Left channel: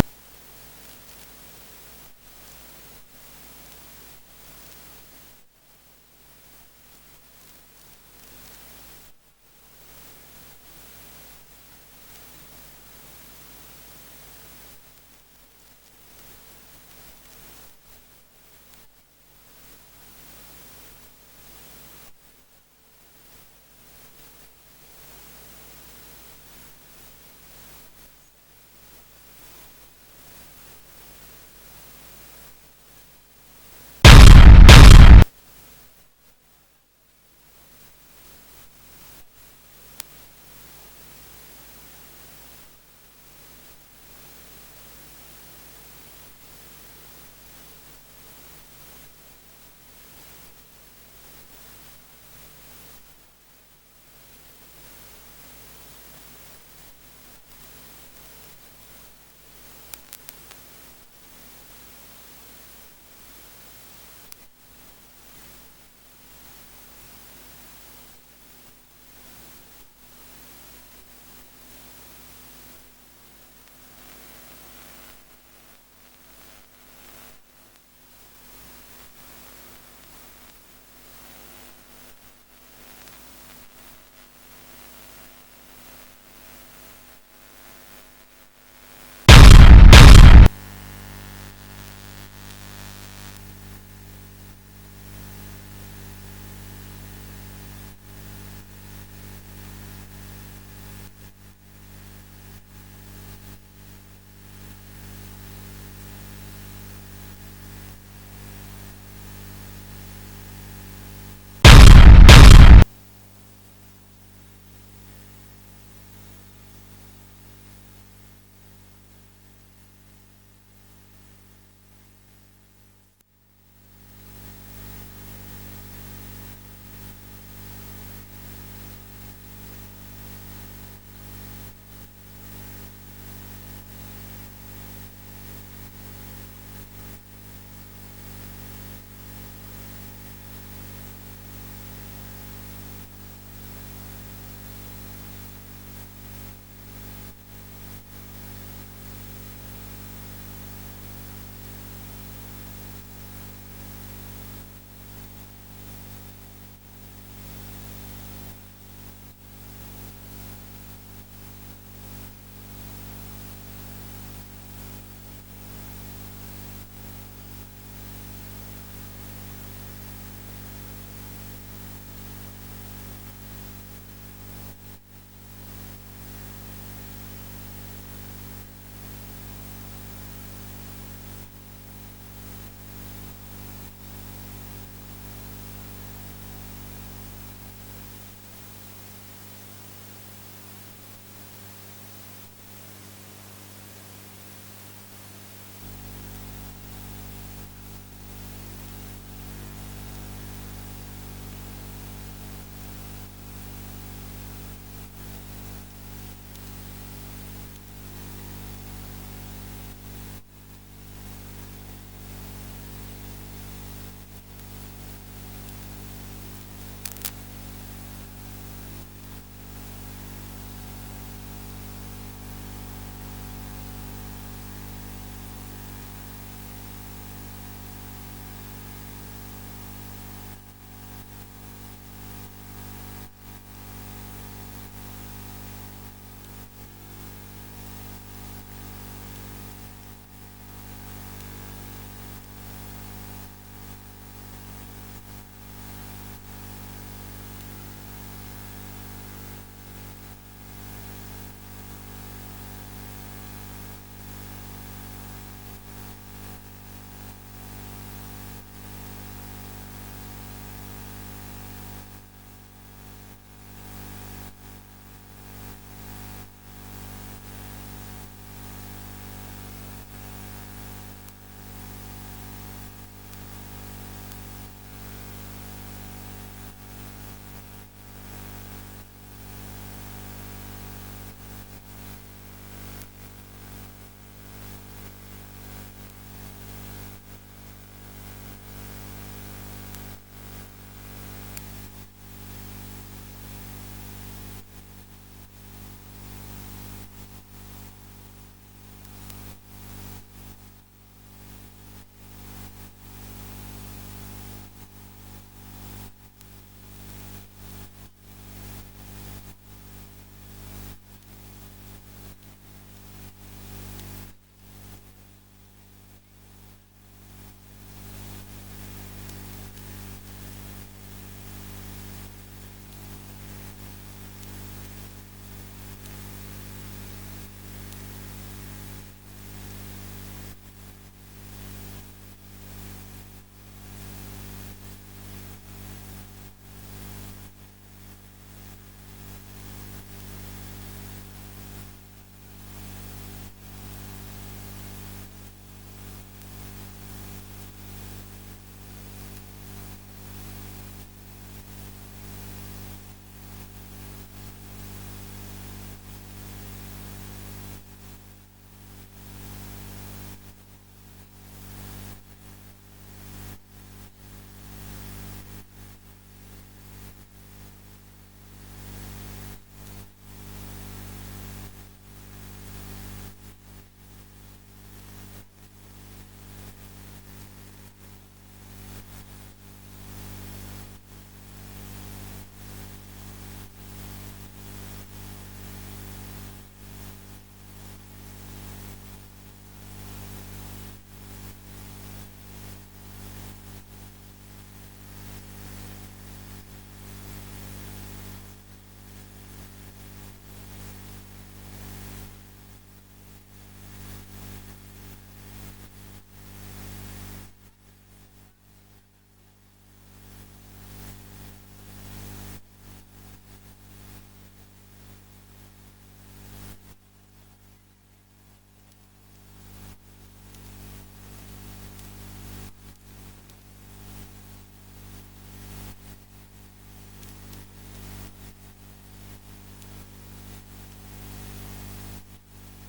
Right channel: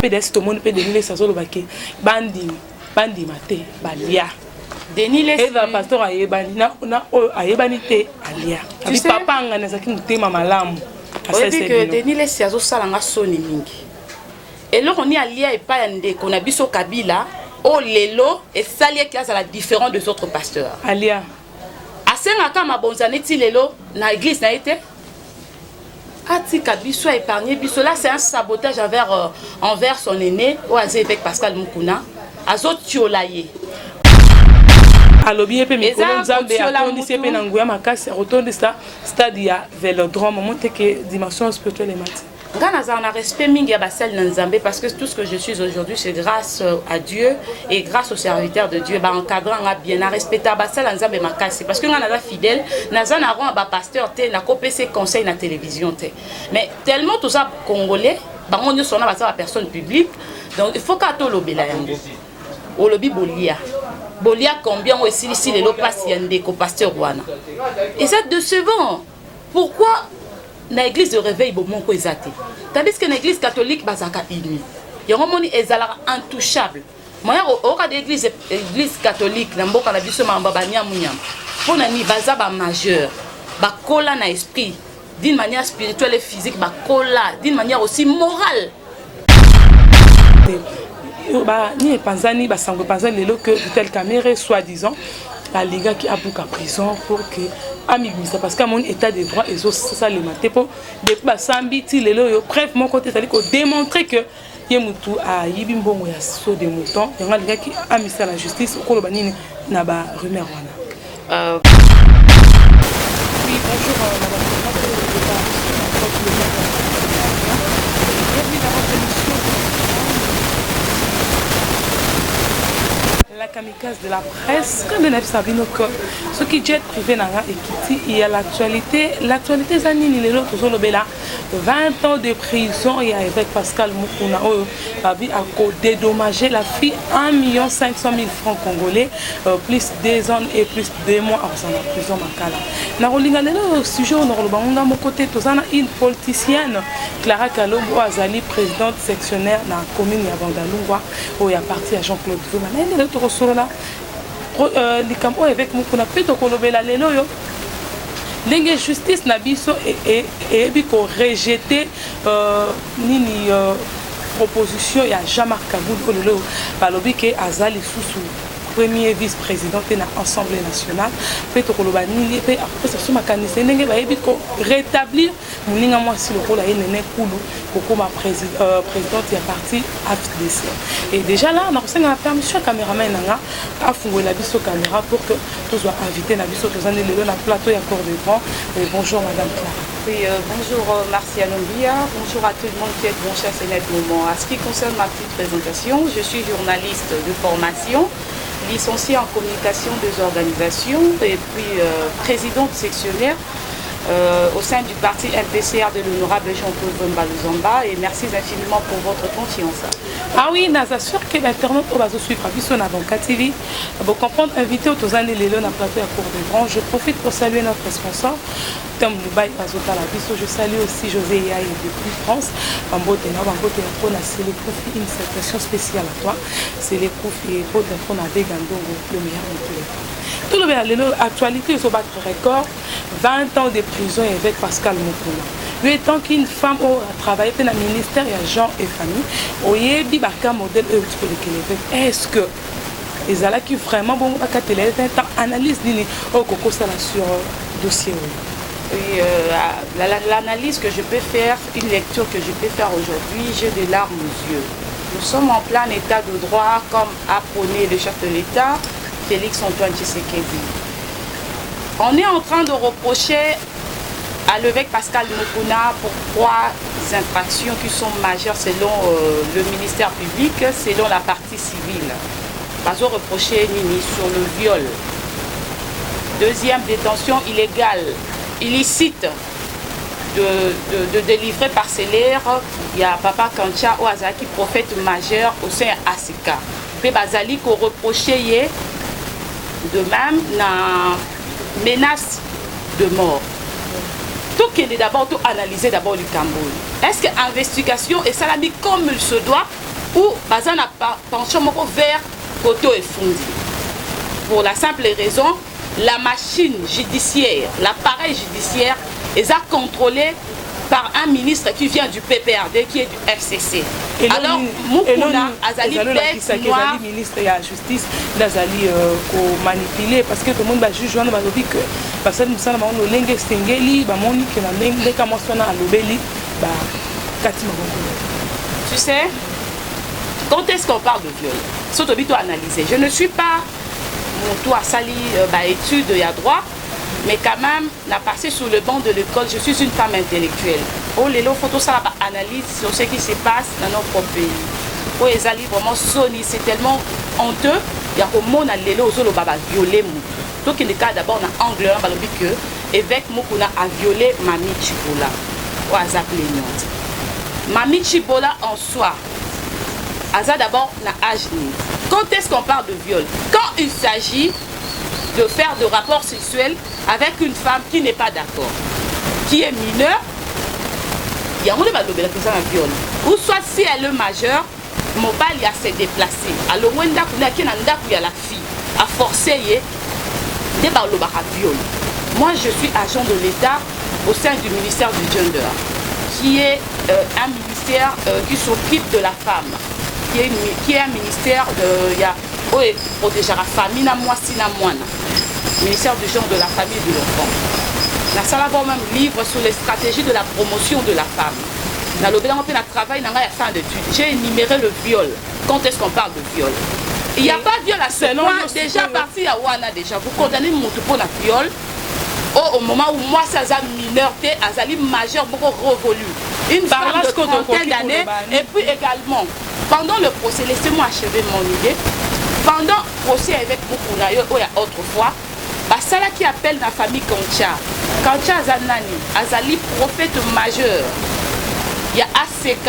PDS tout le monde peut Denis ça solo baké bandi maté balia Denis les et va pasteur ayebani na ayebani te alia abi papa ngana zaki mutema malamu asa c'est que Denis les sazo salanga soni mingi et là on y alia et pas yande qu'on a biso Kabila oh lelo et salia qui a la différence des autres pasteurs alia asenga kama bonzane ti lelo na église na été Atika biso épargné biso là c'est un sabotage envers son aîné ou avec Pascal Mukuna azo tiolaye alobi pe mikolo nzambe atondisi pe na nguya makasi rotondisa stade ya Vélodrome monte que dimension spirituelle et mati Gana a respect mingi ya basel na nzambe parce que tout ce que je suis aujourd'hui c'est grâce à Dieu et grâce aux serviteurs de Dieu ba encadrant bien na respecter basel na nzambe makasi parce que ngana za fidèle na za na ron ba pasteur te na kopese conseil na télévision te mais tellement tout ça congolais ba on sona ba sa personne publique donc il faut ka to lobela yango o lobi bolia combien aussi ici les lopas yande ko pasteur wana et c'est décevant pourquoi na église de réveil bomoko ezate tandis que na église catholique bazaka uni yango moni ezala intouchable moya o ka église catholique na mboka na biso mamba banyamunyam pona ni baza ba majeur ba kola na esprit d'une manière spirituelle et physique ba kola d'une manière aussi morale ba ni panzani ba sango panzani lelo que tel caméra soi-disant la liga qui a bouqué prison pour que amibisa parce qu'à mon état de droit et ça le maté pour depuis ba sambi ti lelo yo bref mon côté c'est-à-dire que démontrer que yemutu a yibimbongo ya so de mouton y a liga qui a mis à la justice au kolo banini na ba rumeur wana oui bonjour madame la kamikaze de la presse, quand on a vu ce qui est privé il y a l'actualité Zanini les autres sont 20 ans de prison et avec Pascal Mukuna a dédommagé la fille 1 500 000 francs congolais plus 2 ans et plus 2 mois en prison makala. Na rolinga le sujet on a mon côté une politicienne Clara Kalombo Azali présidente sectionnaire dans la commune ya Bandalungwa où il y a parti à Jean-Claude Fuma. Sorola likambo avec mukuna peto kolobela lelo yo ndenge justice na biso et biko rejeter nini proposition ya Jean-Marc Kaboul lelo balobi ke azali susu premier vice-président de l'Assemblée nationale peto koloba nini pe après ça suma kanise ndenge ba biko rétablir muninga mwasi lokola yenene kulu kokoma présidente ya parti AFDC et déjà là on a la permission caméraman nanga afungola la biso caméra pour que tous soient invités na biso tous andé lelo na plateau ya corps de grand et bonjour madame Clara. Oui, bonjour Martial Ombia, bonjour à tout le monde qui est bon cher Sénat moment. À ce qui concerne ma petite présentation, je suis journaliste de formation, licenciée en communication des organisations et puis présidente sectionnaire au sein du parti MPCR de l'honorable Jean-Claude Bombaluzamba et merci infiniment pour votre confiance. Ah oui, nous assure que l'internet va suivre sur Banca TV. Pour comprendre, invité aux années les na plateau à cours de grand. Je profite pour saluer notre sponsor. Je salue aussi José Yaï depuis France. C'est les profits, une citation spéciale à toi. C'est les profits pour le meilleur de tous les temps. Tout le monde, l'actualité se battre record. 20 ans de prison avec Pascal Mukuna. Lui étant qu'une femme a travaillé dans le ministère de gens et famille, il y a un modèle est-ce que les allants qui vraiment bon analyse sur le dossier. Oui, l'analyse que je peux faire, une lecture que je peux faire aujourd'hui, j'ai des larmes aux yeux. Nous sommes en plein état de droit, comme a prôné le chef de l'État, Félix Antoine Tshisekedi. On est en train de reprocher à l'évêque Pascal Mukuna pour 3 infractions qui sont majeures selon le ministère public, selon la partie civile. Pas reproché Nini sur le viol. Deuxième, détention illégale, illicite de délivrer parcellaire. Il y a Papa Kancha Oazaki, prophète majeur au sein ASICA. Puis Bazali qu'on reproché de même la menace de mort. Tout qui est d'abord tout analysé d'abord du Cameroun. Est-ce que l'investigation est salami comme il se doit ou baza na pension moko vers koto efundi. Pour la simple raison, la machine judiciaire, l'appareil judiciaire est contrôlé par un ministre qui vient du PPRD, qui est du FCC. Alors, Moukouna Azali bête noire. Le ministre de la Justice d'Azali manipulé parce que tout le monde va juger on va dire que parce que nous sommes dans le lingue stengeli, bah moni que la même les commencement à l'obéli, bah katima. Tu sais, quand est-ce qu'on parle de viol? Surtout bito analyser. Je ne suis pas mon tour à sali études et à droit. Mais quand même, n'a passé sous le banc de l'école, je suis une femme intellectuelle. Oh, les lots photos, ça analyse sur ce qui se passe dans notre pays. Oh, les alliés vraiment soni, c'est tellement honteux. Il y a un monde à l'élo, aux baba violé. Donc, il y a d'abord un angle, on va dire que évêque Moukouna a violé Mami Chibola. Oh, Aza plaignante. Mami Chibola en soi, Aza d'abord n'a âge. Quand est-ce qu'on parle de viol? Quand il s'agit de faire de rapports sexuels avec une femme qui n'est pas d'accord, qui est mineure, il y a un viol. Ou soit si elle est majeure, mon bal y a s'est déplacé. Alors, il y a la fille à forcer, il y a viol. Moi, je suis agent de l'État au sein du ministère du Gender, qui est un ministère qui s'occupe de la femme, qui est un ministère de... protéger la famille, ministère du genre, de la famille et de l'enfant. La salle a même livre sur les stratégies de la promotion de la femme. Dans le bilan, on travail dans la fin d'études. J'ai énuméré le viol. Quand est-ce qu'on parle de viol? Il n'y a pas de viol à ce point. Déjà parti à Wana, déjà. Vous condamnez mon tout pour la viol. Au moment où moi, ça a mineur, Azali majeur, beaucoup révolu. Une femme de trentaine d'années. Et puis également, pendant le procès, laissez-moi achever mon idée. Pendant le procès avec Moukouna, autrefois, ça là qui appelle la famille Kancha. Kancha Azanani, Azali prophète majeur. Il y a ACK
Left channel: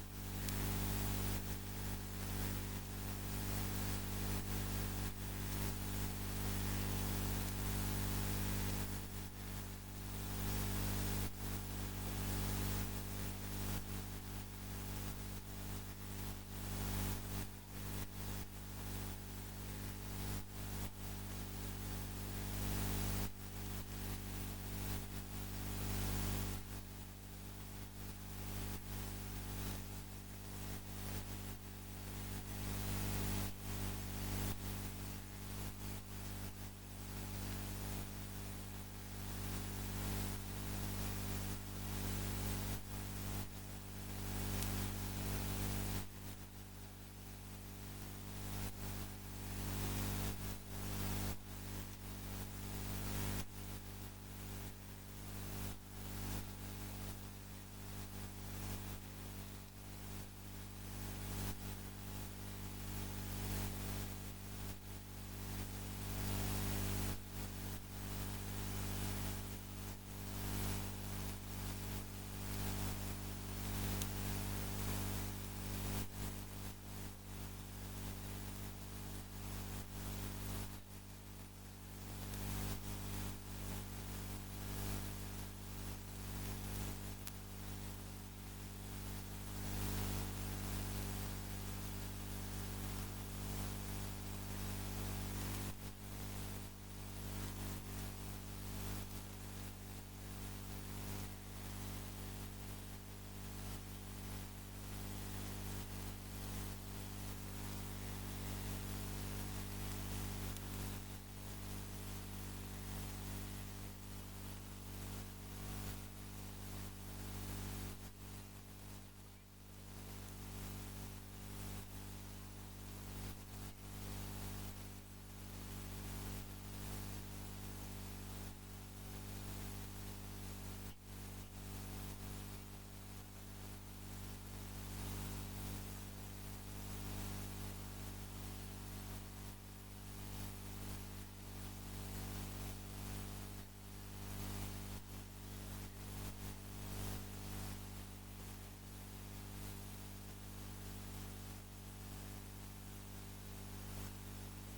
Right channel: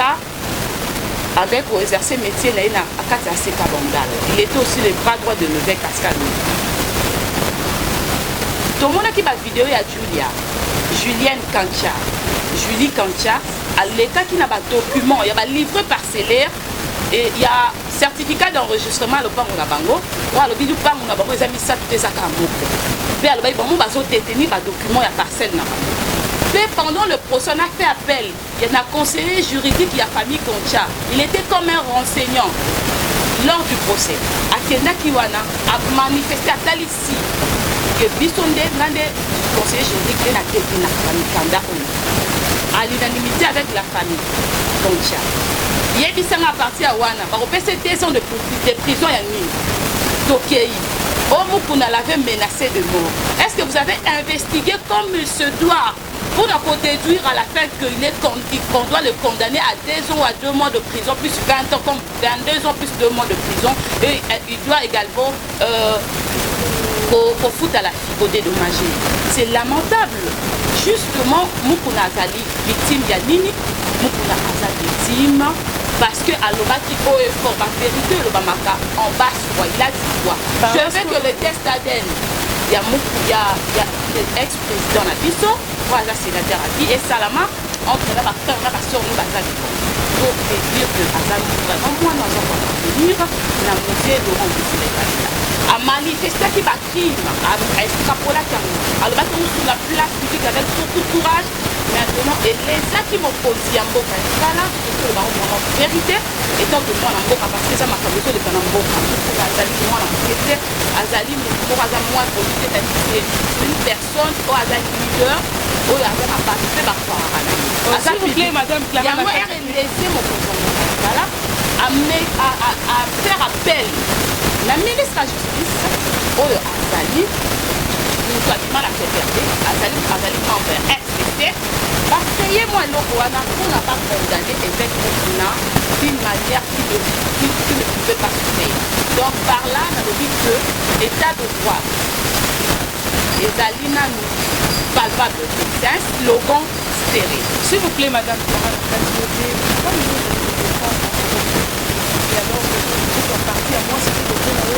avec exercer métier à ACK Bandal. Il était aussi le bras droit de l'évêque Cascadou. Tout le monde qui va vidéo, il y a Julienne Kancha. Julie Kancha, à l'état qui n'a pas de document, il y a un livre parcellaire et il y a certificat d'enregistrement le pan na bango ou le bidu pan na bango ezami sa tout ezaka moko pe aloba bango bazo détenir ba document ya parcelle na bango pe pendant le procès on a fait appel il y a un conseiller juridique ya famille Concha il était comme un renseignant lors du procès akenda kiwana a manifesté à Talissi que bisonde nande conseiller juridique na tétina famille Kanda à l'unanimité avec la famille Concha. Il y a des à partir à Wana, par des sont de prison à nuit. Tokei. Moukouna l'avait menacé de mort. Est-ce que vous avez investigué comme il se doit pour nous déduire à la fin qu'on doit le condamner à 2 ans ou à 2 mois de prison, plus 20 ans, comme 22 ans plus 2 mois de prison. Et il doit également au foot à la fille, au dédommager. C'est lamentable. Justement, Moukouna Azali, victime Yanini, Moukouna Azali, victime, parce que à l'obaki au effort, ma vérité, le Bamaka, en bas, il a dit quoi? Je veux que le test ADN, il y a l'ex-président Nabiso, voilà, sénateur à vie, et Salama, entre la sur nous, Azali. Pour dire que Azali, vraiment, moi, nous allons venir, la musée de Laurent de Sénégal. À manifester qui va crime, à extrapoler alors sur la place publique avec beaucoup de courage. Maintenant, et les gens qui m'ont posé en boca, voilà, c'est la vérité, étant que moi, en boca, parce que ça m'a fait besoin de faire en boca. Azali, moi, en boca, Azali, moi, c'est une personne, ou Azali leader, ou Azali a participé par quoi s'il vous plaît, madame Clara. Il y a moi, laissé mon conjoint, voilà, à faire appel. La ministre de la Justice, Azali, nous avons du mal à faire perdre, Azali envers FCC, parce que moi, on n'a pas condamné évêque Moukouna d'une manière qui ne pouvait pas se faire. Donc par là, on a dit que l'état de droit, Azali n'a palpable, c'est un slogan stérile. S'il vous plaît, madame Clara, comme nous parti à moi, c'était de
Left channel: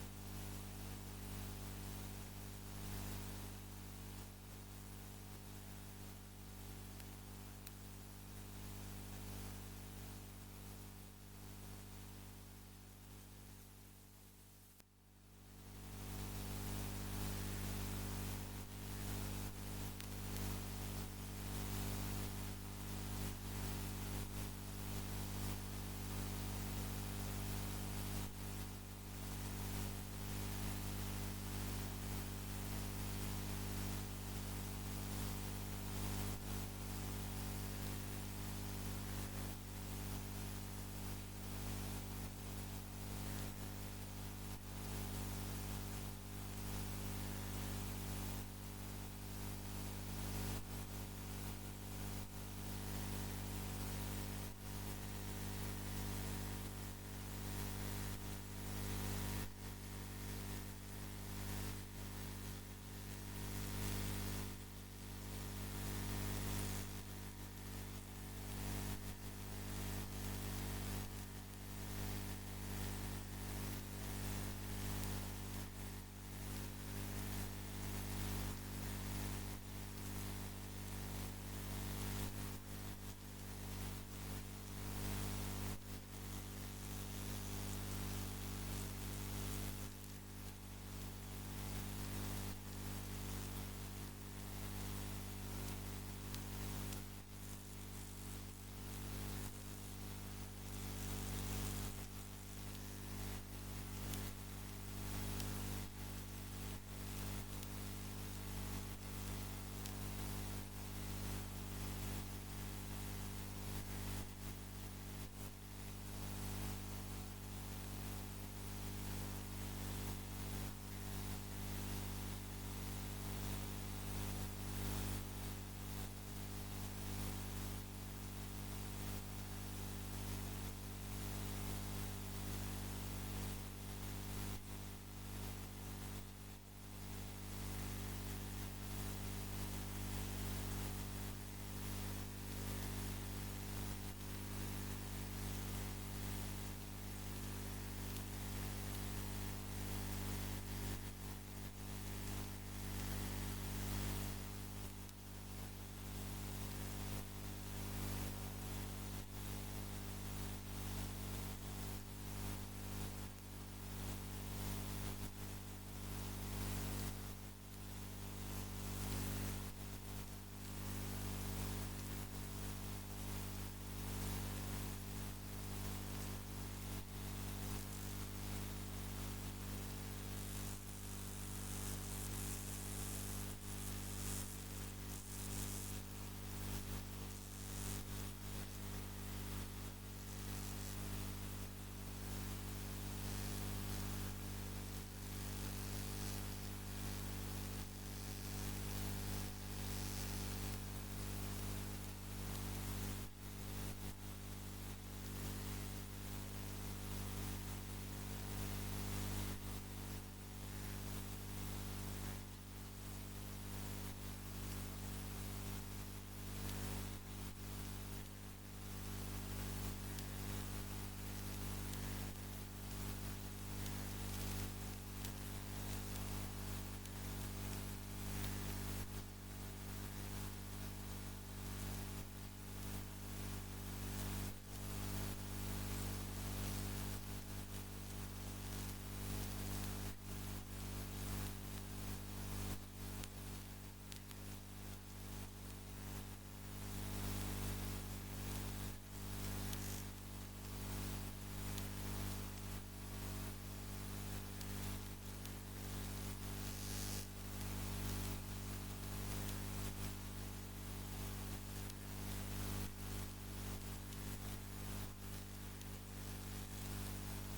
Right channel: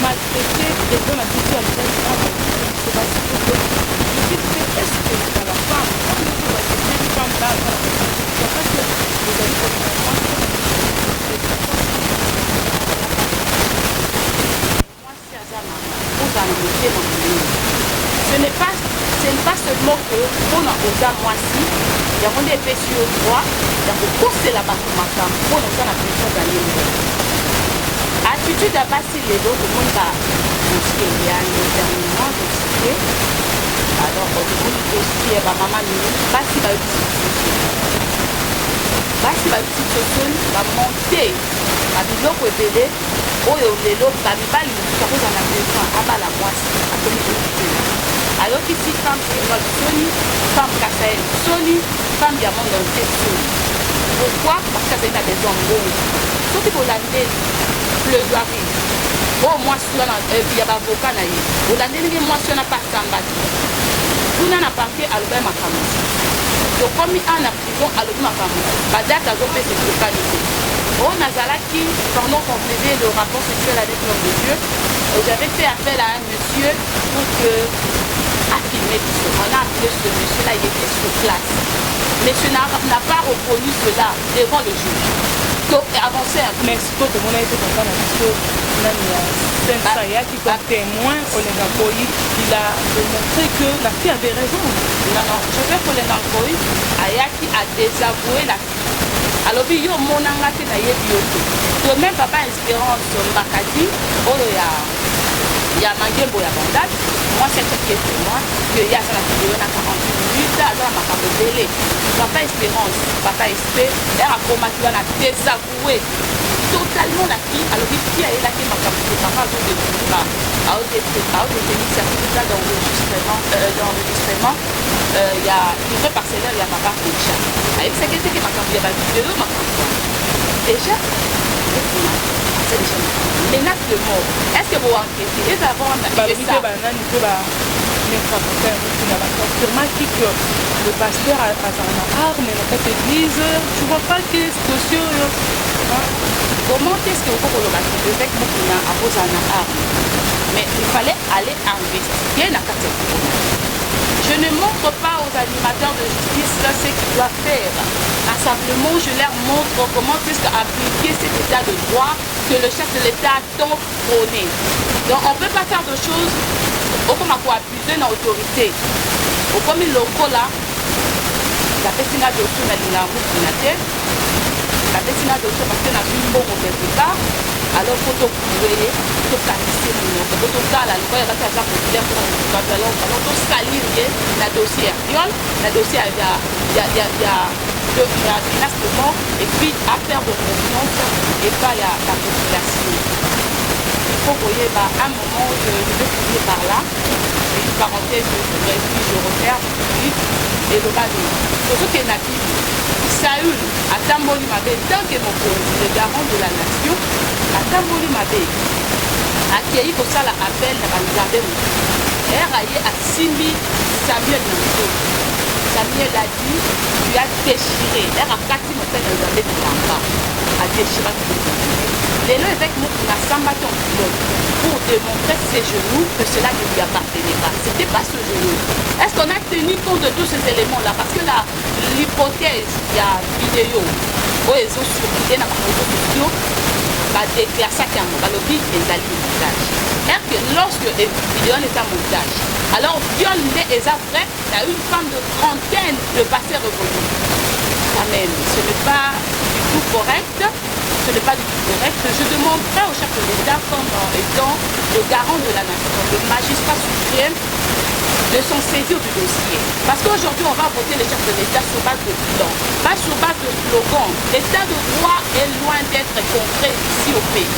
maltraité des bonnes habitudes à est-ce que dans la femme, comme nous sommes une femme là, il n'y a pas que les amis eza mwasi yango nde epesi yo droit ya kokosela bato makambo mpona oza na pression za ndenge attitude ya basi lelo tomoni badossier ya déterminement dossier alors tomoni dossier bamama mingi basi bayuti sosoni bamonte babiloko ebele oyo lelo bamibali mosusu akozala na besoin abala mwasi akomi dossier ayokisi femme étoile soni femme kasael soni femme ya monde entier soni pourquoi parce que azali na besoin mbongo soki bolandeli plaidoirie oyo mwasi wana ya bavoka na ye olandelingi mwasi wana pasamba te kuna na parke alobai makambo tokomi a na prison alobi makambo badate azopesa ekokani te oyo nazalaki pendant qu'on faisait le rapport sexuel avec l'homme de Dieu j'avais fait appel à un monsieur pour que a filmé biso. On a appelé ce monsieur là, il était sur place. Monsieur n'a pas reconnu cela devant le juge. Donc avancé un peu. Mais ce que tout le monde a été content comme témoin au Lengakoï, il a démontré que la fille avait raison. Non, je veux que Lengakoï Ayaki a désavoué la fille. Alors yo monanga te na yebi yo te. De même papa Espérance Mbakati, oyo ya mangembo ya bandade. Moi, c'est ce qui est pour moi, qu'il y a la vidéo dans 48 minutes, alors ma capote papa Espérance, papa Espé, elle a combattu, elle a désavoué totalement la fille. Alors, il y a là qui m'a capoté, papa a détenu certificat d'enregistrement, il y a livré parcellaire, il y a papa déjà. Avec ce qui m'a capoté, il y a la vidéo, ma capote. Déjà, c'est déjà menace de mort. Est-ce que vous enquêtez? Et d'abord, on a fait ça. Sûrement que le pasteur a une arme dans cette église, tu vois pas que c'est dossier. Comment est-ce que vous pouvez le battre avec Moukina à cause d'une arme? Mais il fallait aller investiguer la catégorie. Je ne montre pas aux animateurs de justice ce qu'ils doivent faire. Simplement, je leur montre comment est-ce qu'appliquer cet état de droit que le chef de l'État a tant prôné. Donc, on ne peut pas faire de choses comme pour abuser dans l'autorité. Comme il locaux là, la personne a d'autres dans la route de la tête, la personne a d'autres parce qu'elle a vu bon quelque part. Alors, il faut trouver, il faut qualifier le nom. Il faut faire la loi, il va faire populaire pour le salir le dossier viol, le dossier il y a menace de mort et puis affaire de confiance et pas la population. Il faut voyez, à un moment, je vais finir par là, une parenthèse, je referme, et le bas de pour ce qui est natif, Saül, à Tamboli Mabé, tant que mon le garant de la nation, à Tamboli Mabé, à qui pour ça l'appel de la Nzambé, et à Simbi Samuel Nanto. Samuel a dit, tu as déchiré, et à Kati Motel Nzambé de l'Amba, a déchiré. Les lois avec nous, on a sambaté en pilote pour démontrer ses genoux que cela ne lui appartenait pas. Ce n'était pas ce genou. Est-ce qu'on a tenu compte de tous ces éléments-là? Parce que l'hypothèse, il y a vidéo, où ils ont surveillé dans les réseaux sociaux, déclassé à le but des montage. Et que lorsque les vidéos étaient en montage, alors viol les vrai, il y a une femme de trentaine de passé revenu. Quand même, ce n'est pas du tout correct. Ce n'est pas du tout correct. Je demanderai au chef de l'État comme étant le garant de la nation, le magistrat suprême, de s'en saisir du dossier. Parce qu'aujourd'hui, on va voter le chef de l'État sur base de bilan, pas sur base de slogan. L'état de droit est loin d'être concret ici au pays.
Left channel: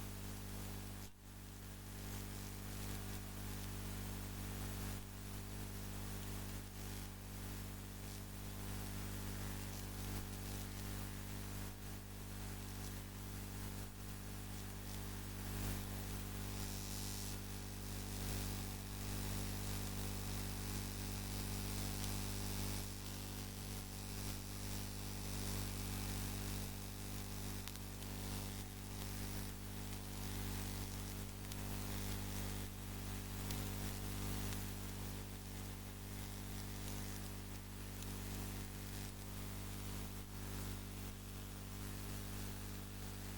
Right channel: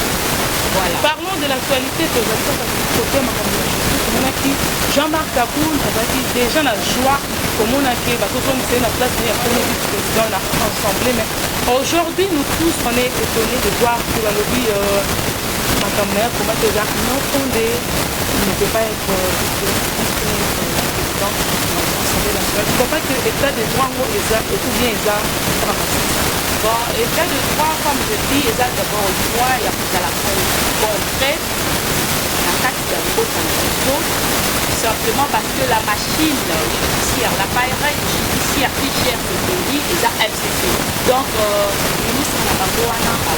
Voilà. Parlons de l'actualité de Jean-Marc Kaboul a dit déjà la joie comme on a fait la place de président de l'Assemblée. Mais aujourd'hui, nous tous, on est étonnés de voir que la lobby comment déjà non fondé ne peut pas être président de l'Assemblée nationale. Je ne crois pas que l'état de droit est tout bien bon, état de droit, comme je dis, il y a d'abord une fois, il y a la concret, la carte de la simplement parce que la machine judiciaire, l'appareil judiciaire qui gère ce pays est à FCC. Donc, le ministre Nabangouana a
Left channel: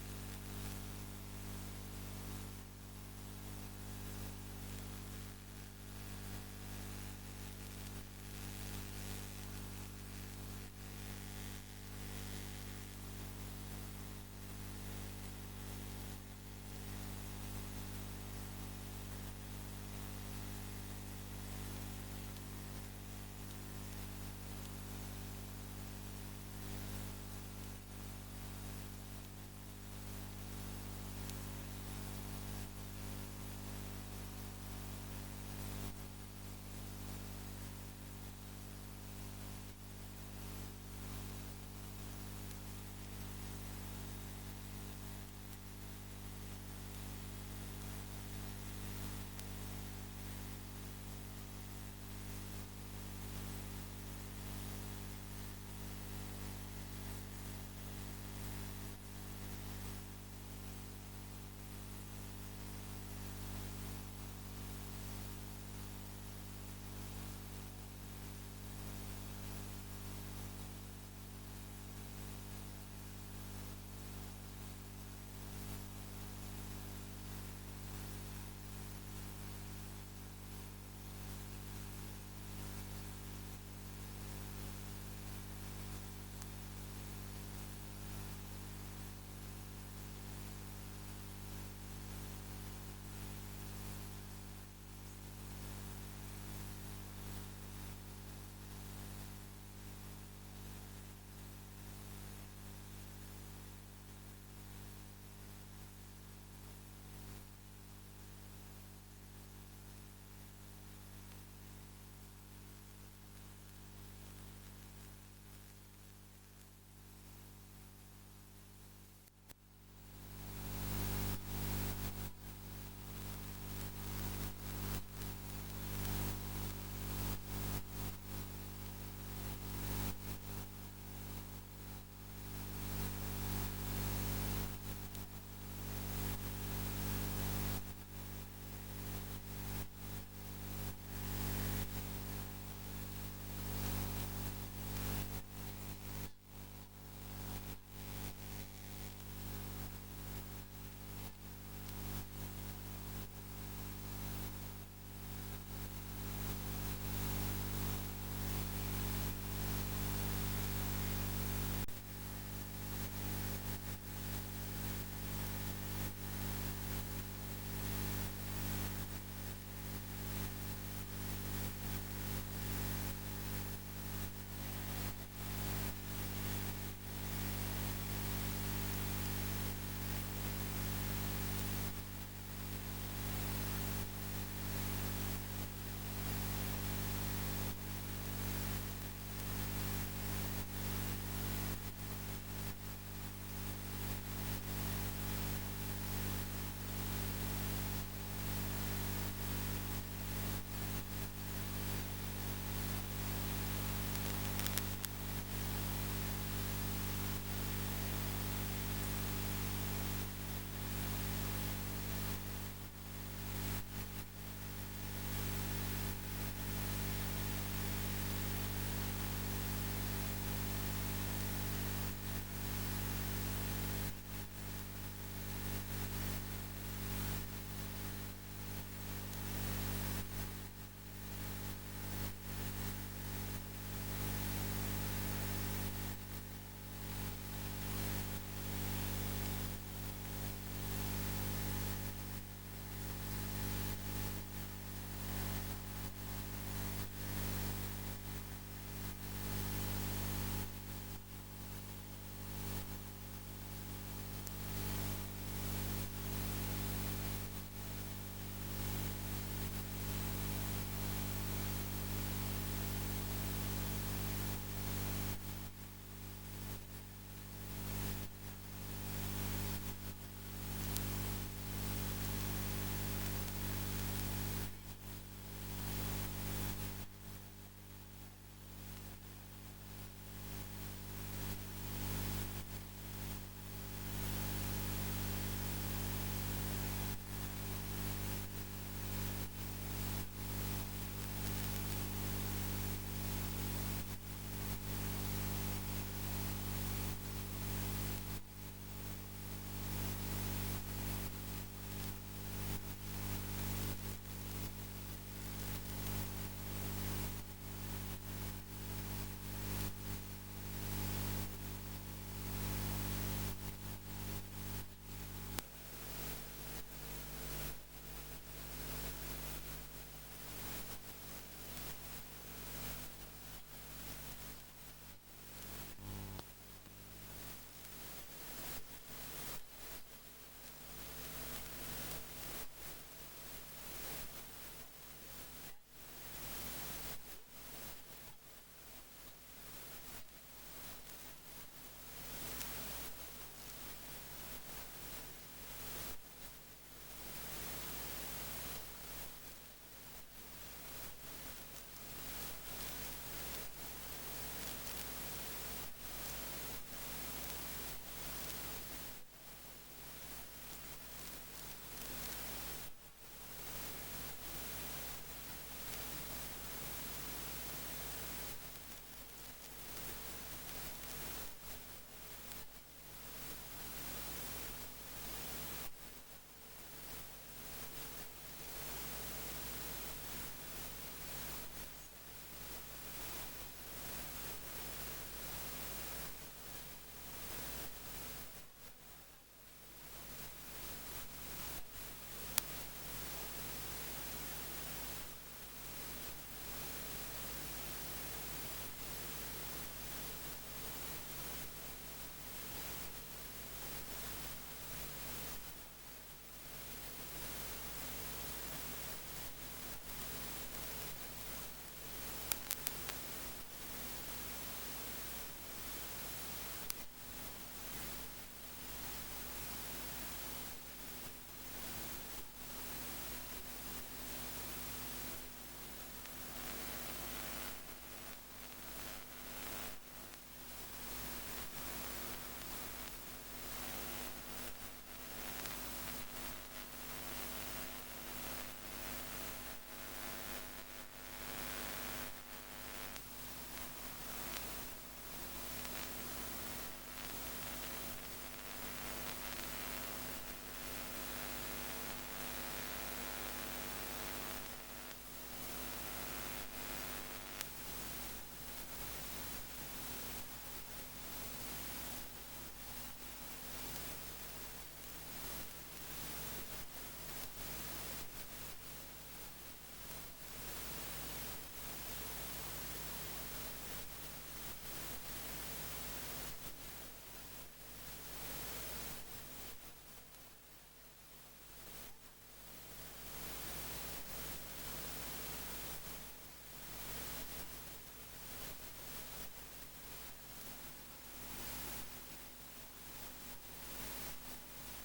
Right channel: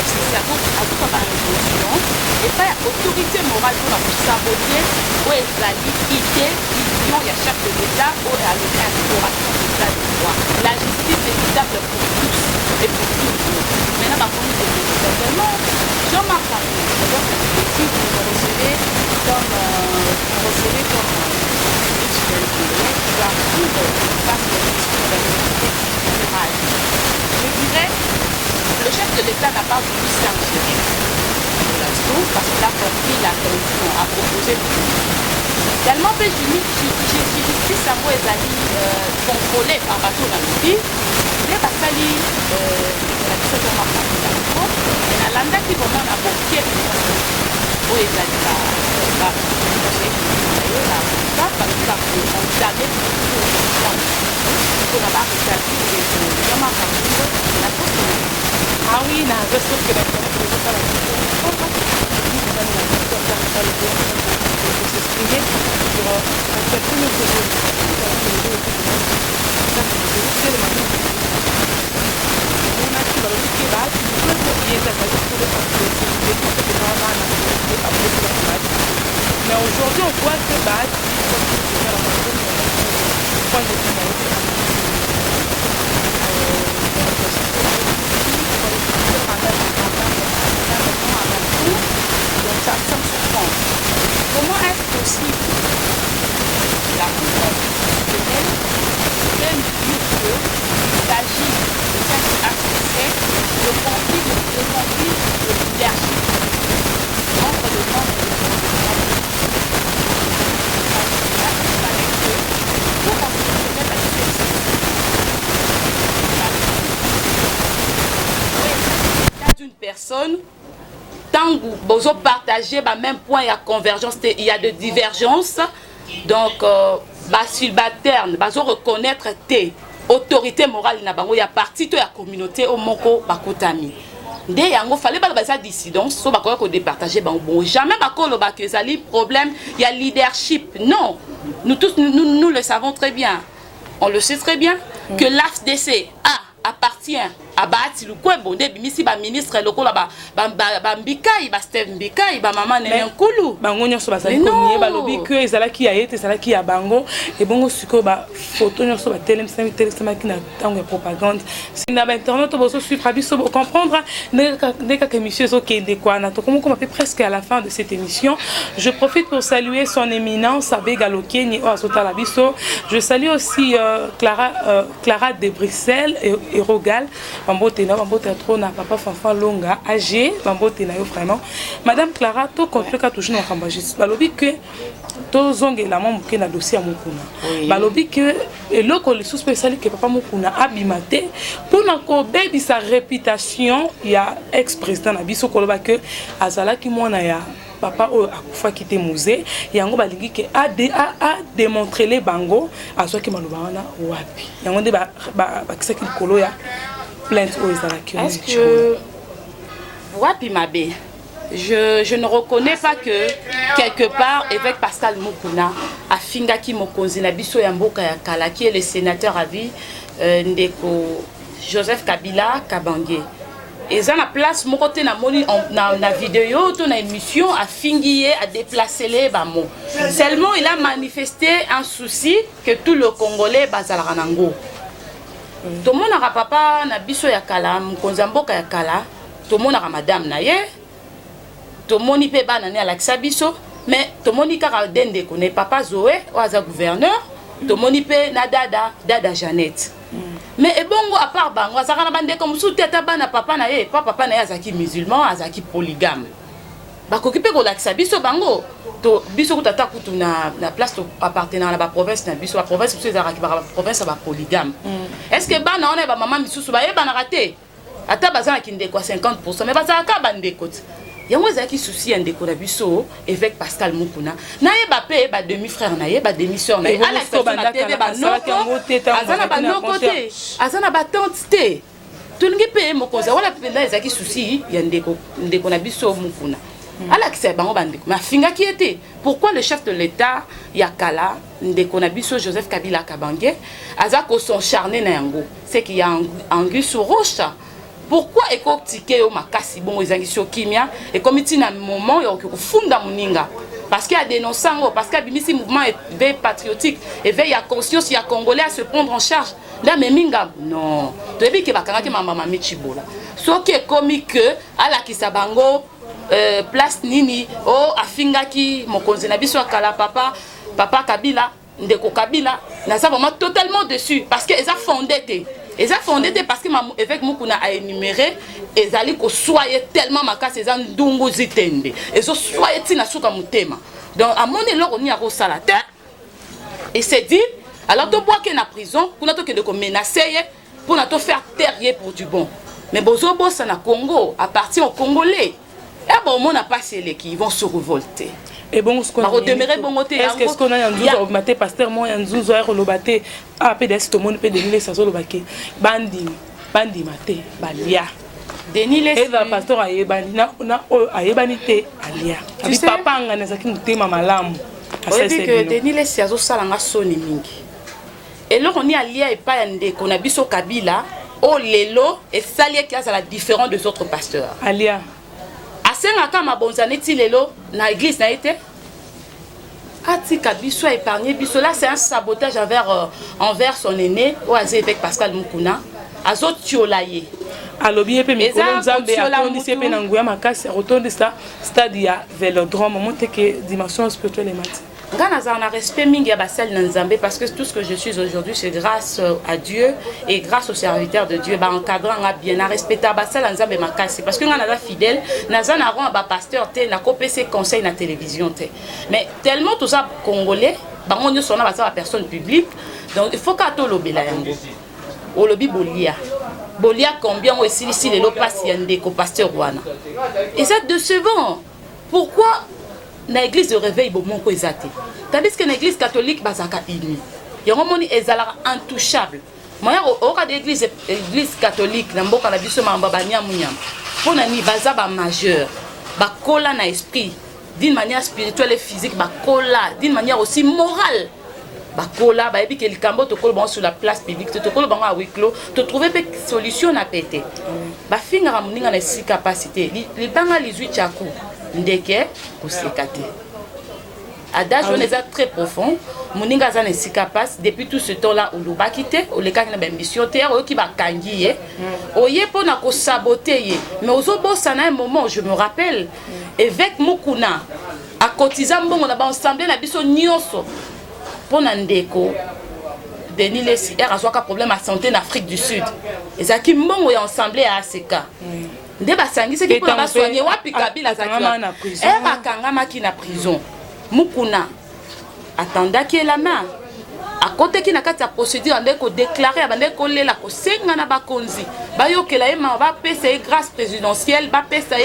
FCC a tout par résolution et pas autorité morale pour la saboter ou ezali idée vision ya chef de l'État ou à l'instauration de l'état de droit. La justice est équitable pour tous et pour tous. Maintenant, par contre, c'est évidemment Jean-Marc Carré, donc si vous me recevez comme qui va vivre face à la question de la vérité générale. Je dirais, le chef de l'État n'a pas voulu s'ingérer parce qu'il a compris la tension à proposer. Tellement que justice à moi est contrôlée par bateau dans le pays, les basali la question de la landa qui vraiment a beaucoup où est ah oui, non, je sais que mais aujourd'hui, on voit que comment est-ce possible la Cour constitutionnelle même dire qu'il s'agit de cette accès de conflit de leadership entre le monde et le d'une personne tant que vous partagez le même point, il y a convergence, il y a de divergence. Donc, subalterne, vous reconnaître tes autorités morales, il y a parti de la communauté au Moko Bakotami. Il fallait pas de dissidence, so ko départager bon jamais que problème, il y a leadership. Non, nous tous nous le savons très bien. On le sait très bien que l'AFDC appartient à Bati Lukwebonde bimisi ba ministre lokola ba Mbikai ba Steve Mbikai ba maman ne nkulu bango nyonso bazali konye ba lobi que ezalaki ya yete ezalaki ya bango et bongo siko ba photo nyonso ba téléma ki na tango propagande sina ba internet bozo suivre biso pour comprendre dès que monsieur Zokende Kwana to comment presque à la fin de cette émission. Je profite pour saluer son éminence Abega Lokeni o Azotala biso. Je salue aussi Clara de Bruxelles et Rogal Bambote na Bambote trona papa Fanfan Longa âgé Bambote na yo vraiment madame Clara to contre ka toujours na kambajis balobi que to zonge la maman na dossier à Mukuna balobi que eloko le spécial que papa Mukuna abimate pour na ko baby sa réputation ya ex-président na biso koloba que azala ki mona ya papa akufa kite musée yango balingi ke a démontrer les bango azo ki maloba wana wapi yango de ba kisaki kolo ya plainte aux Izalaki. Est-ce que wapi mabe je ne reconnais pas que quelque part évêque Pascal Mukuna a fingaki mokonzi na biso ya mboka ya kala qui est le sénateur à vie ndeko Joseph Kabila Kabange. Et ça la place mon côté na moni na vidéo to na émission a fingié à déplacer les bamo. Seulement il a manifesté un souci que tout le Congolais bazalaka nango. Tout le monde a papa na biso ya kala mokonzi mboka ya kala, tout le monde a madame na ye. Tout le monde peut ba na Alexa biso, mais tout le monde ka dende connaît papa Zoé ou aza gouverneur, tout le monde peut na dada Jeannette. Mais et bongo à part bango azaka na bande comme sous tête bana papa na ye papa na ye azaki musulman azaki polygame bakoki pe ko lakisa biso bango to biso ko tata kutu na place to appartenant à la province na biso la province biso ezaka ba province ba polygame est-ce que bana on ba maman misusu ba ye bana raté ata bazana kinde kwa 50% mais bazaka bande kote yango ezaki souci ya ndeko na biso évêque Pascal Mukuna na ye ba pe ba demi frère na ye ba demi sœur na ye ala so na TV ba noko azana ba noko te azana ba tante te tulingi pe mokonza wala penda ezaki souci ya ndeko na biso Mukuna ala kisa bango bandeko ma finga qui était pourquoi le chef de l'État yakala ndeko na biso Joseph Kabila Kabange azako son charné na yango c'est qu'il y a Anguille sur roche pourquoi ekotike yo makasi bon ezangisio kimia et comme il na moment yo funda muninga parce qu'il y a dénoncé parce qu'il y a un mouvement éveil patriotique éveil à conscience il y a congolais à se prendre en charge là mais minga non depuis que bakanga ki mama mechibola so qui est comme que ala kisabango place nini o afingaki mokonzi na biso kala papa Kabila ndeko Kabila na ça vraiment totalement dessus parce que ils a fondé ils a fondé parce que avec Mukuna a énuméré et zali ko soyez tellement makasi za ndungu zitende et so soyez tina suka mutema donc à mon élo on y a rosala terre et c'est dit alors to bois que na prison pour nato que de menacer pour nato faire taire pour du bon mais bozo bossa na Congo appartient aux Congolais et bon on n'a pas ceux qui vont se révolter. Et bon, ce qu'on a est-ce qu'on a un jour augmenté pasteur moi un jour à relobater à PDS tout le monde peut donner ça sur le baquet bandi maté balia Denis les et le pasteur a yebani na a yebanité alia tu sais papa ngana zaki mutema malamu c'est que Denis les sazo salanga soni mingi et là on y alia et pas ndé qu'on a biso Kabila au lelo et salier qui a la différence des autres pasteurs alia asengaka mabonzane ti lelo na église na été atika biso épargné biso là c'est un sabotage envers son aîné au avec Pascal Mukuna azo tiolaye alobi pe mikolo nzambe atondisi pe na nguya makasi rotondisa stade ya Vélodrome monte que dimension spirituelle et mati Ngana za na respect mingi ya basel na nzambe parce que tout ce que je suis aujourd'hui c'est grâce à Dieu et grâce aux serviteurs de Dieu ba encadrant nga bien na respecter basel na nzambe makasi parce que ngana za fidèle na za na ron ba pasteur te na kopese conseil na télévision te mais tellement tout ça congolais ba ngonyo sona ba sa personne publique donc il faut ka to lobela yango o lobi bolia combien o ici les lopas yande ko pasteur wana et c'est décevant pourquoi na église de réveil bon mon ko ezate tandis que na église catholique bazaka ini yango moni ezala intouchable moya o ka église catholique na mboka na biso mamba banyamunyam pona ni baza ba majeur ba kola na esprit d'une manière spirituelle et physique ba kola d'une manière aussi morale ba kola ba ebi que likambo to kola bon sur la place publique to kola bon a huis clos to trouver pe solution na pété ba finga ra muninga na si capacité li banga 18 chaku ndeke kosekate adage on est très profond moninga za ne si capable depuis tout ce temps là on l'a quitté on les kaki na ba mission terre o ki ba kangi ye oye pona ko saboter mais ozo bossa na un moment je me rappelle évêque Mukuna a cotisé mbongo na ba ensemble na biso nyonso pona ndeko Denis Lessi a un problème à santé en Afrique du Sud et ça qui mbongo ya ensemble à ACK nde basangisi ki pona soigner wapi Kabila zakana et bakangama ki na prison Mukuna attendaki la main à côté qui na kati ya procédure ndeko déclarer bandeko lela ko senga na bakonzi bayokela ema ba pesa grâce présidentielle ba pesa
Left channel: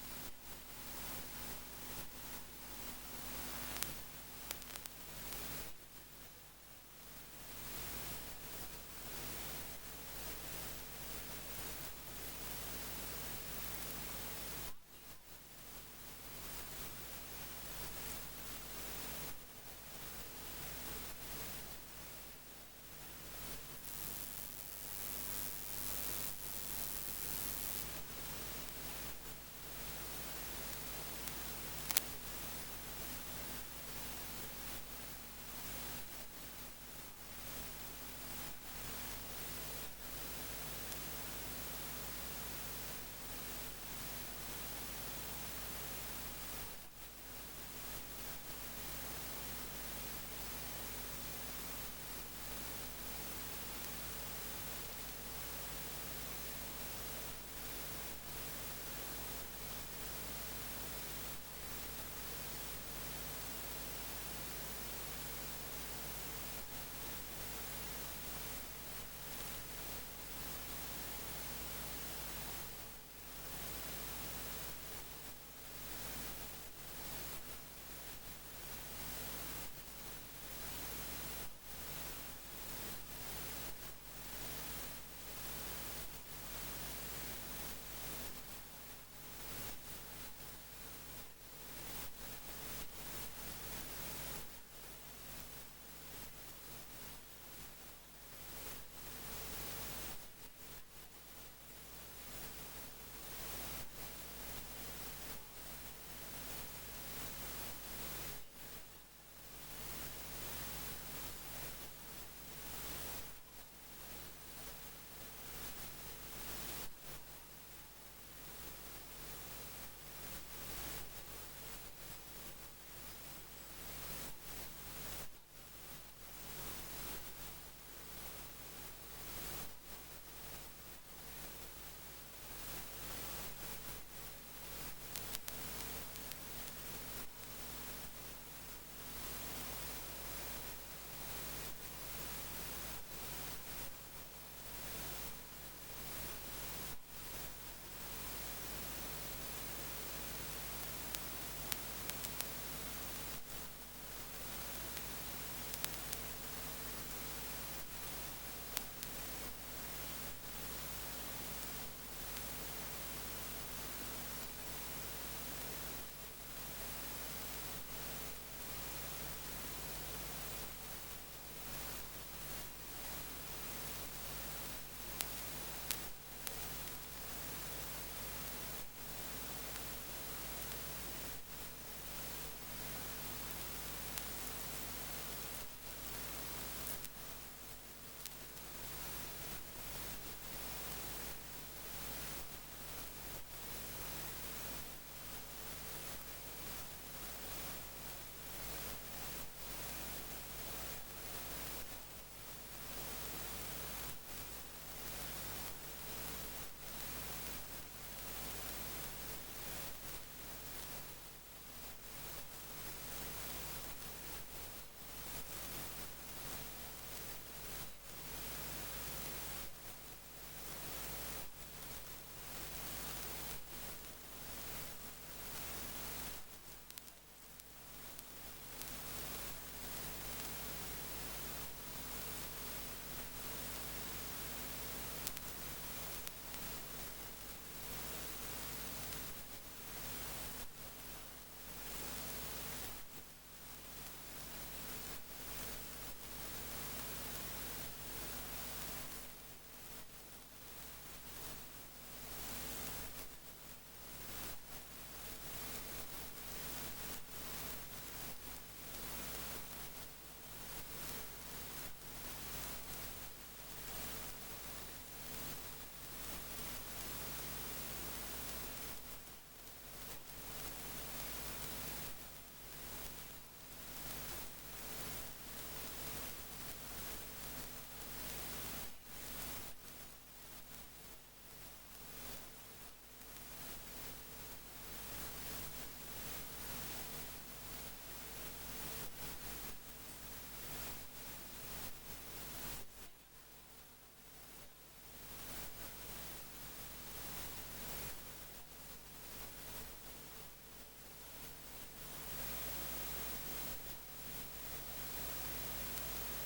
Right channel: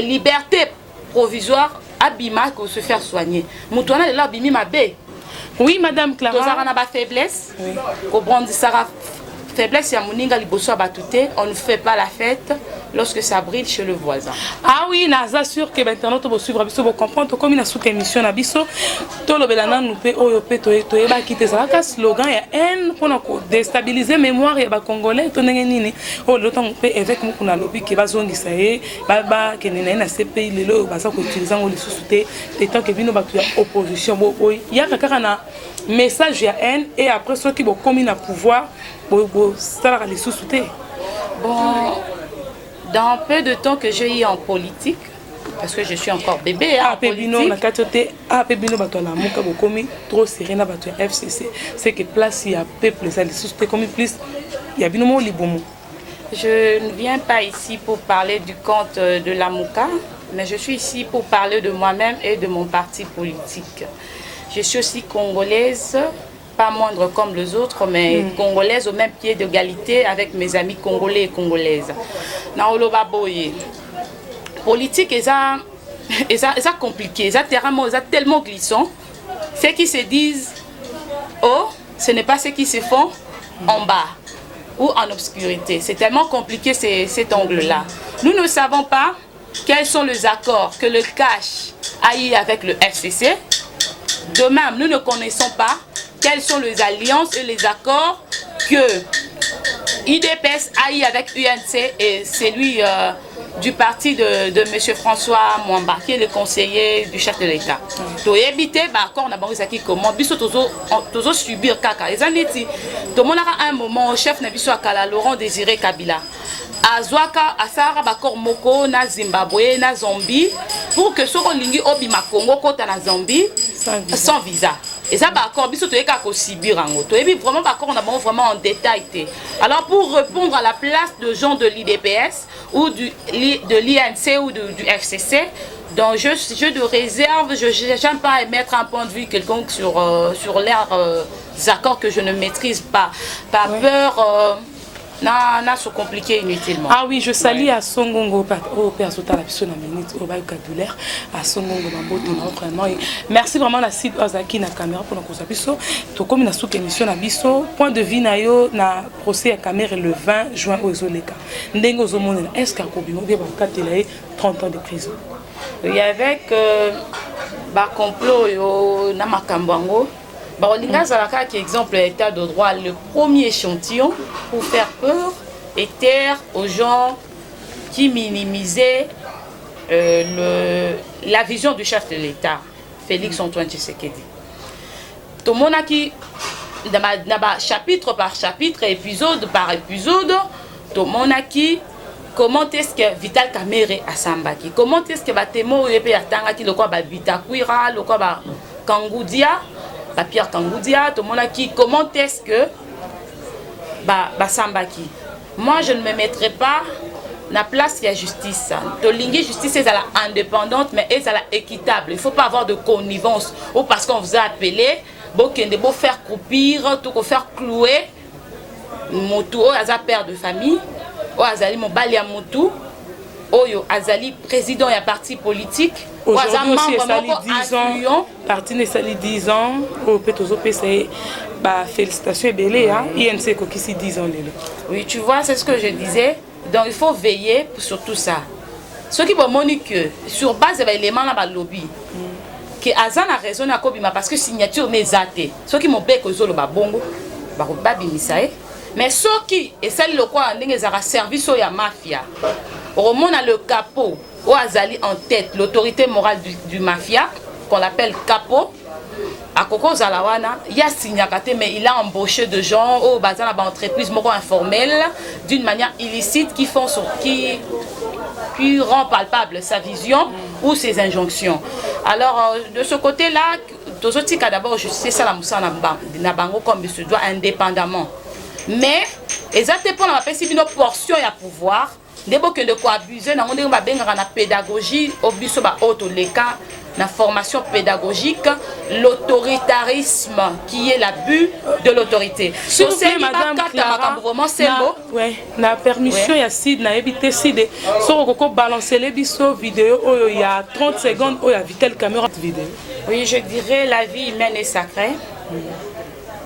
liberté provisoire abima ko se faire soigner mutwana lela bimi mabe. Oui, Madame Clara. Tozara na ba faiblesse. Oui. Ko brandi sara faiblesse ya muninga liboso abatute, on ne fait pas la fête lorsque ça brille chez le voisin. Ah oui, naza sûr que maintenant to suivre biso bo comprendre comme na sous émission na biso to lobelana nous pe oyo pe to eba kite ça ka slogan ya haine pour ko déstabiliser mémoire ya ba congolais to ndenge nini o le temps pe avec Mukuna lobi ke bazongisa ye ba ke nena na CPI lelo baza ko utiliser ngo lisusuté et tant que bino ba tu opposition bo ya kaka na message ya haine et après ceux qui bo commis na pouvoir ça les sous-souter. Bon, dans peu de temps que j'ai eu en politique, parce que je suis encore bébé en politique. Trop serré na bato FCC, c'est que place il y a peuple ça les sous-souter comme plus il y a binomo libomo. Je ne viens pas ici pour parler du compte de la Mouka, mais je suis ici pour parler de moi-même et de mon parti politique. Je suis aussi congolaise, pas moindre comme les autres, mais congolaise au même pied d'égalité avec mes amis congolais et congolaises. Naoloba boye. Politique, c'est compliqué, c'est tellement glissant. Ceux qui se disent, oh, ce n'est pas ceux qui se font en bas ou en obscurité. C'est tellement compliqué cet angle-là. Nous ne savons pas quels sont les accords que le cash a eu avec le FCC. De même, nous ne connaissons pas quelles sont les alliances et les accords que IDPS AI avec UNC et celui du parti de M. François Mwamba, qui est le conseiller du chef de l'État. To éviter, encore na bango zaki comment biso tozo subir kaka. Les années tout le monde a un moment au chef na biso akala Laurent Désiré Kabila. Azwaka asara bakor moko na Zimbabwe na Zambie pour que soko lingi obima Congo kota na Zambie sans visa. Et ça bakor biso to eka ko subir ango. To ebi vraiment bakor on a bon vraiment en détail. Alors pour répondre à la place de gens de l'IDPS ou de l'INC ou du FCC, donc je de réserve, je n'aime pas émettre un point de vue quelconque sur leurs accords que je ne maîtrise pas. Par peur, n'a se compliqué inutilement. Ah oui, je salue à Songongo, au Père Sota, la personne à minute, au vocabulaire, à Songongo, vraiment. Merci vraiment la site Ozaki na caméra pour nous conserver. Tout comme une sous-émission à Bisso, point de vue nayo na procès à caméra le 20 juin aux Oleka. Ndengo Zomone, est-ce qu'à Kobino, il y a 30 ans de prison? Oui, avec complot na Makambango. Qui exemple l'état de droit, le premier échantillon pour faire peur et taire aux gens qui minimisaient la vision du chef de l'État, Félix Antoine Tshisekedi. Tout le monde a qui, chapitre par chapitre, épisode par épisode, tout le monde a qui, comment est-ce que Vital Kamerhe a Sambaki, comment est-ce que Batemo Yepe Atangaki, le quoi Bitakuira, le quoi Kangoudia, Pierre Kangoudia, tout le monde a qui, comment est-ce que Sambaki. Moi, je ne me mettrai pas la place de la justice. La justice est indépendante, mais elle est équitable. Il ne faut pas avoir de connivence ou parce qu'on vous a appelé, pour faire croupir, tout faire clouer, motu, père de famille, azali mobali ya motu, oyo azali président et parti politique. Aujourd'hui aussi, il y a 10 ans, parti de 10 ans, au PTOZOP, félicitations et belé, INC qui 10 ans. Oui, tu vois, c'est ce que je disais. Donc il faut veiller sur tout ça. Ce qui va montrer que sur base de l'élément dans le lobby, que Azan a raison à Kobima parce que signature n'est zaté. Ce qui m'ont fait que le babongo, mais ce qui est celle le quoi a service à la mafia. Au moment où le capot, où Azali en tête, l'autorité morale du mafia, qu'on appelle capot, à Koko Zalawana, il y a Signakate, mais il a embauché de gens au bazar dans entreprise informelle d'une manière illicite qui rend palpable sa vision ou ses injonctions. Alors, de ce côté-là, d'abord, je sais ça la moussa na bango comme il se doit indépendamment. Mais, exactement pour la portion et à pouvoir, des gens qui ont abusé, dans la pédagogie, au biso ba auto leka, la formation pédagogique, l'autoritarisme qui est l'abus de l'autorité. S'il vous plaît, madame Clara, la permission, il y a Sid, il y a évité Sid. Si on balancer les biso vidéo, il y a 30 secondes, il y a Vital caméra vidéo. Oui, je dirais la vie humaine est sacrée.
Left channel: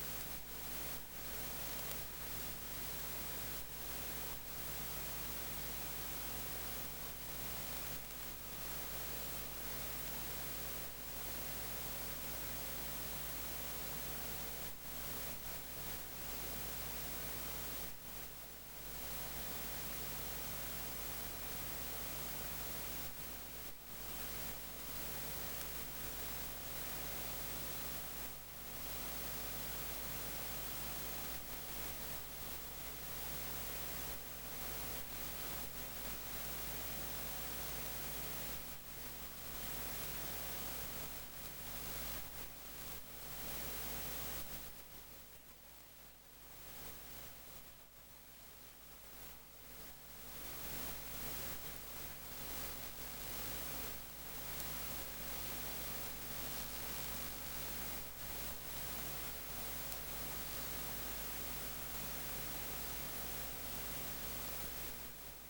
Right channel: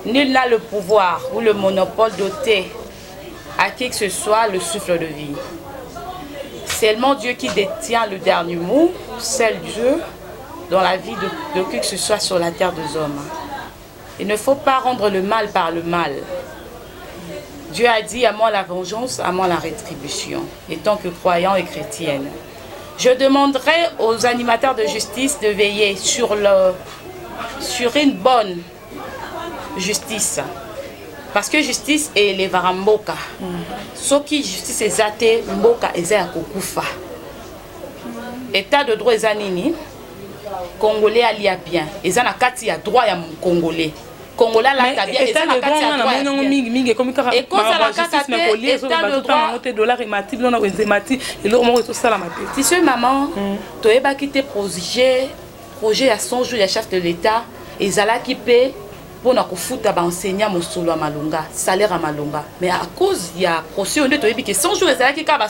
Nul n'a le pouvoir ou le monopole d'ôter à qui que ce soit le souffle de vie. Seulement Dieu qui détient le dernier mot, seul Dieu dans la vie de qui que ce soit sur la terre des hommes. Il ne faut pas rendre le mal par le mal. Dieu a dit à moi la vengeance, à moi la rétribution, étant que croyant et chrétienne. Je demanderai aux animateurs de justice de veiller sur une bonne justice. Parce que justice est les varamboka. Ce qui justice est zate, mboka est kokufa. État de droit est nini. Congolais alia bien. Et ça na kati ya droit ya Congolais. Congolais la bien. Et ça na kati ya droit. Et quand ça la kati état de droit. Si ce maman, tu es quitté projet à 100 jours, le chef de l'État, et Zala qui paie pour nous foutre enseignant mon solo à Malunga, salaire à Malunga. Mais à cause il y a procès, on est que 100 jours, Zala qui a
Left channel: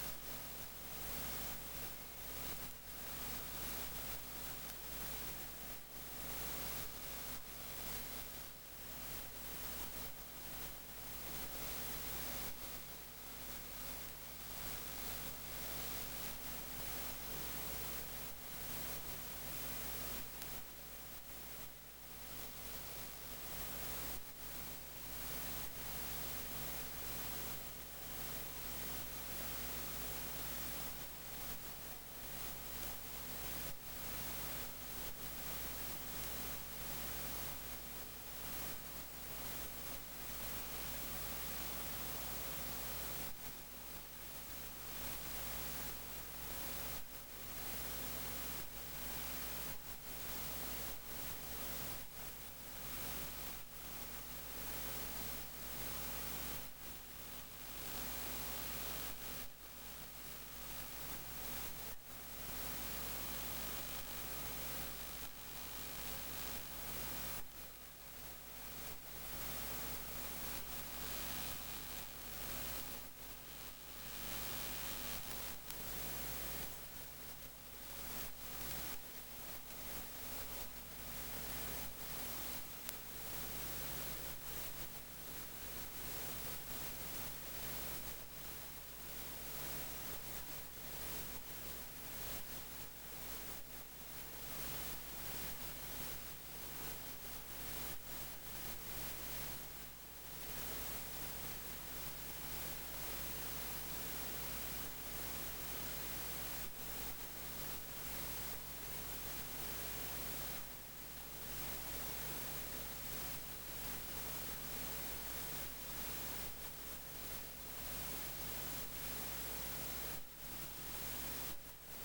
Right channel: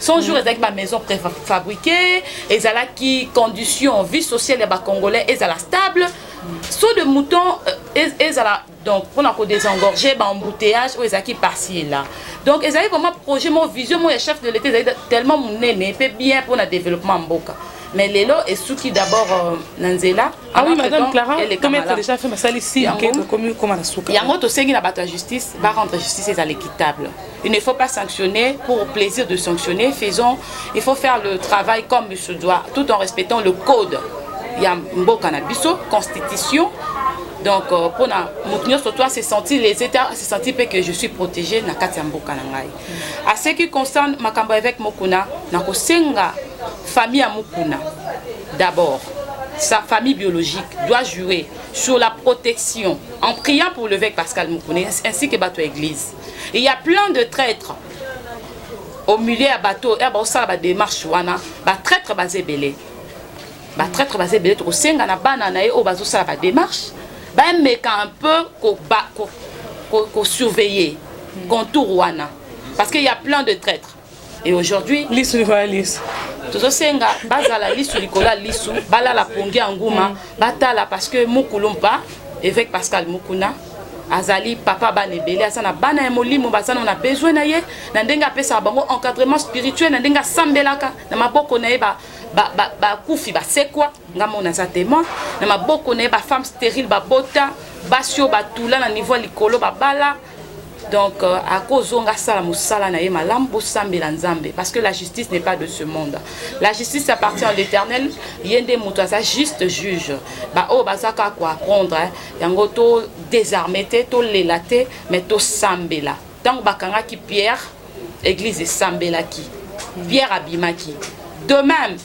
100 jours, avec ma maison préfabriquée, et Zala qui conditions vie sociale des Congolais, et Zala stable. Saut de mouton, et Zala donc pour nous désengorger, embouteillage, ou Zala qui par-ci et là. Donc, ils avaient vraiment projet, mon vision, mon chef de l'État, tellement mon aîné, fait bien pour le développement en Boka. mais lelo et ceux qui d'abord Nanzela. Ah oui, madame Clara, comment tu as déjà fait ma salle ici? Comment la soupe? Yango to sengi na bato justice va rendre justice à l'équitable. Il ne faut pas sanctionner pour plaisir de sanctionner. Il faut faire le travail comme il se doit, tout en respectant le code. Il y a mboka na biso, constitution. Donc pour na moutenir sur toi, c'est senti les états, c'est senti que je suis protégée na kati mboka na ngai. À ce qui concerne makambo avec Mokuna, na ko senga famille à Mokuna. D'abord, sa famille biologique doit jouer sur la protection en priant pour l'évêque Pascal Mokuna ainsi que bateau église. Il y a plein de traîtres au milieu à bateau et ba osala ba démarche wana, ba traître basé belé. Ba traître basé belé to senga na bana na e o bazo sala ba démarche. Mais un peu qu'on surveiller contour wana parce qu'il y a plein de traîtres et aujourd'hui tout senga bazala lisu likola lisu bala la pongi anguma batala parce que mukulumba évêque Pascal Mokuna azali papa banebele asana bana ya molimo basana on a besoin na ye na ndenga pesa bango encadrement spirituel na ndenga sambelaka na maboko na ye ba kufi ba sekwa ngamo na za témoin na maboko na ba femme stérile ba bota basio ba tula na niveau likolo ba bala. Donc à cause on sala musala na ye malambo sambela nzambe parce que la justice n'est pas de ce monde. La justice appartient à l'Éternel. Yende muto sa juste juge. Ba o bazaka ko apprendre yango to désarmer to lelate mais to sambela. Tant bakanga ki Pierre église sambela ki Pierre abimaki. De même,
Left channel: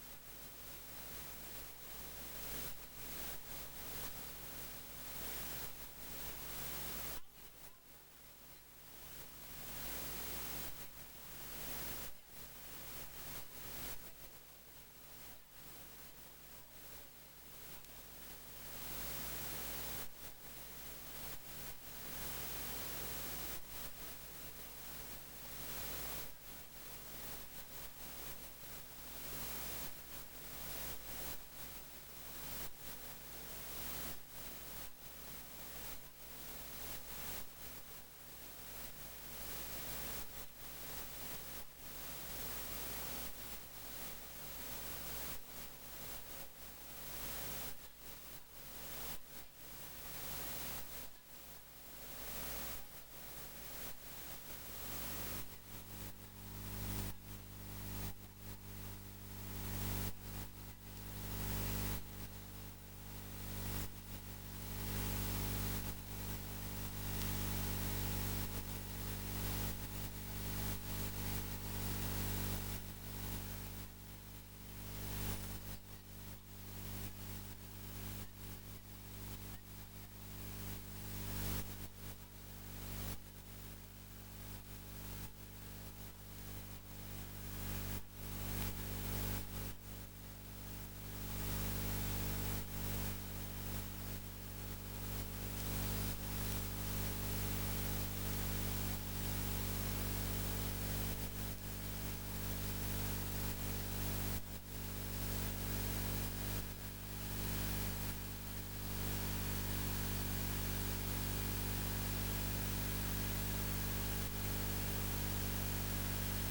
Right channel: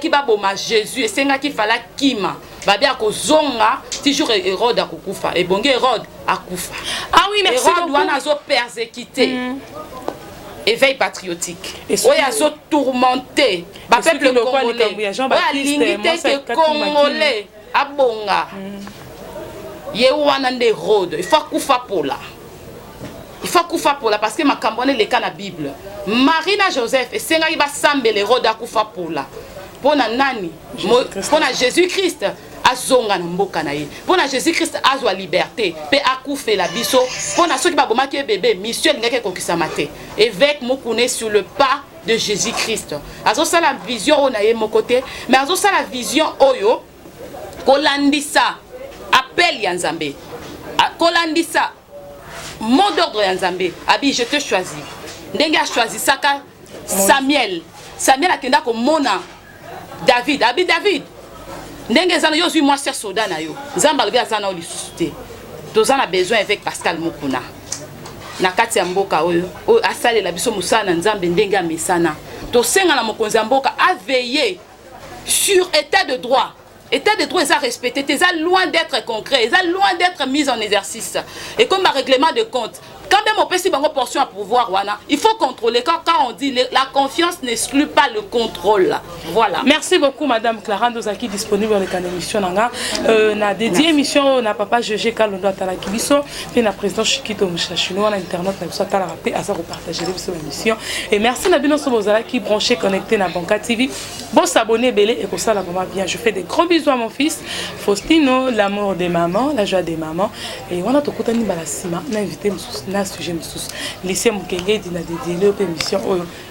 qui va boma Jésus et senga qui fala kima va bien ko zonga toujours Hérode a kufa et bonge Hérode a kufa. Ah oui, merci Hérode beaucoup. wana zo persécuté. Éveil patriotique. Oya zo tourmenté. Ba peuple congolais. Oya limité que congolais abonga. Ye wana nde Hérode, il faut kufa pola. Il faut kufa pola parce que ma cambone le cas na Bible. Marina Joseph et senga iba sambele Hérode a kufa pola. Pona nani? Pona Jésus-Christ azonga na mboka na ye. Pona Jésus-Christ azwa liberté pe akufe la biso. Pona ceux qui ba bomaki bébé mission ngeke kokisa mate. Évêque Mokuna sur le pas de Jésus-Christ. Azo ça la vision on a ye mon côté, mais azo ça la vision oyo kolandisa appel ya Nzambe. Kolandisa mot d'ordre ya Nzambe. Abi je te choisis. Ndenge a choisi saka Samuel. Samuel akenda ko mona David. Abi David. Ndenge zana yo zui moi ser soldat na yo. Nzamba lobi azana o lisuté. Tozana besoin avec Pascal Mokuna. Na kati ya mboka oyo asale la biso musana na Nzambe ndenge a mesana. To senga na mokonzi ya mboka a veiller sur état de droit. État de droit est respecté, c'est loin d'être concret, c'est loin d'être mis en exercice. Et comme un règlement de compte, quand même on peut si une portion à pouvoir, il faut contrôler. Quand on dit la confiance n'exclut pas le contrôle. Voilà. Merci beaucoup, Madame Clara Ndozaki, disponible dans le émission. Na dédié émission, na papa GG Kalondo Atalakibiso, puis na président Chikito Mouchachino, na internet, na biso Talarapé, à ça vous partagez l'émission. Et merci Nabino Sobozala qui branché, connecté na Banca TV. Bon s'abonner, belé, et pour ça, là, vraiment bien. Je fais des gros bisous à mon fils, Faustino, l'amour des mamans, la joie des mamans. Et on a tout côté Balasima, on a invité un sujet lycée Mukenge dina dédié aux émissions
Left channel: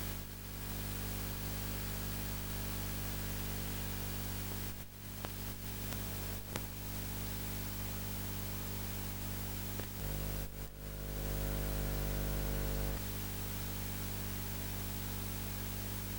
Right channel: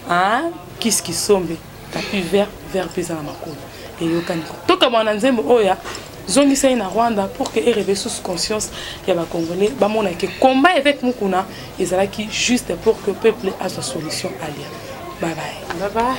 hein qu'est-ce qui sombe tapis vert pesa na makolo et yokani to kama na nzembo oya zongisa na Rwanda pour que réveille sous conscience ya ba congolais ba mona que combat avec Mokuna ezalaki juste pour que le peuple a sa solution à lire. Bye bye.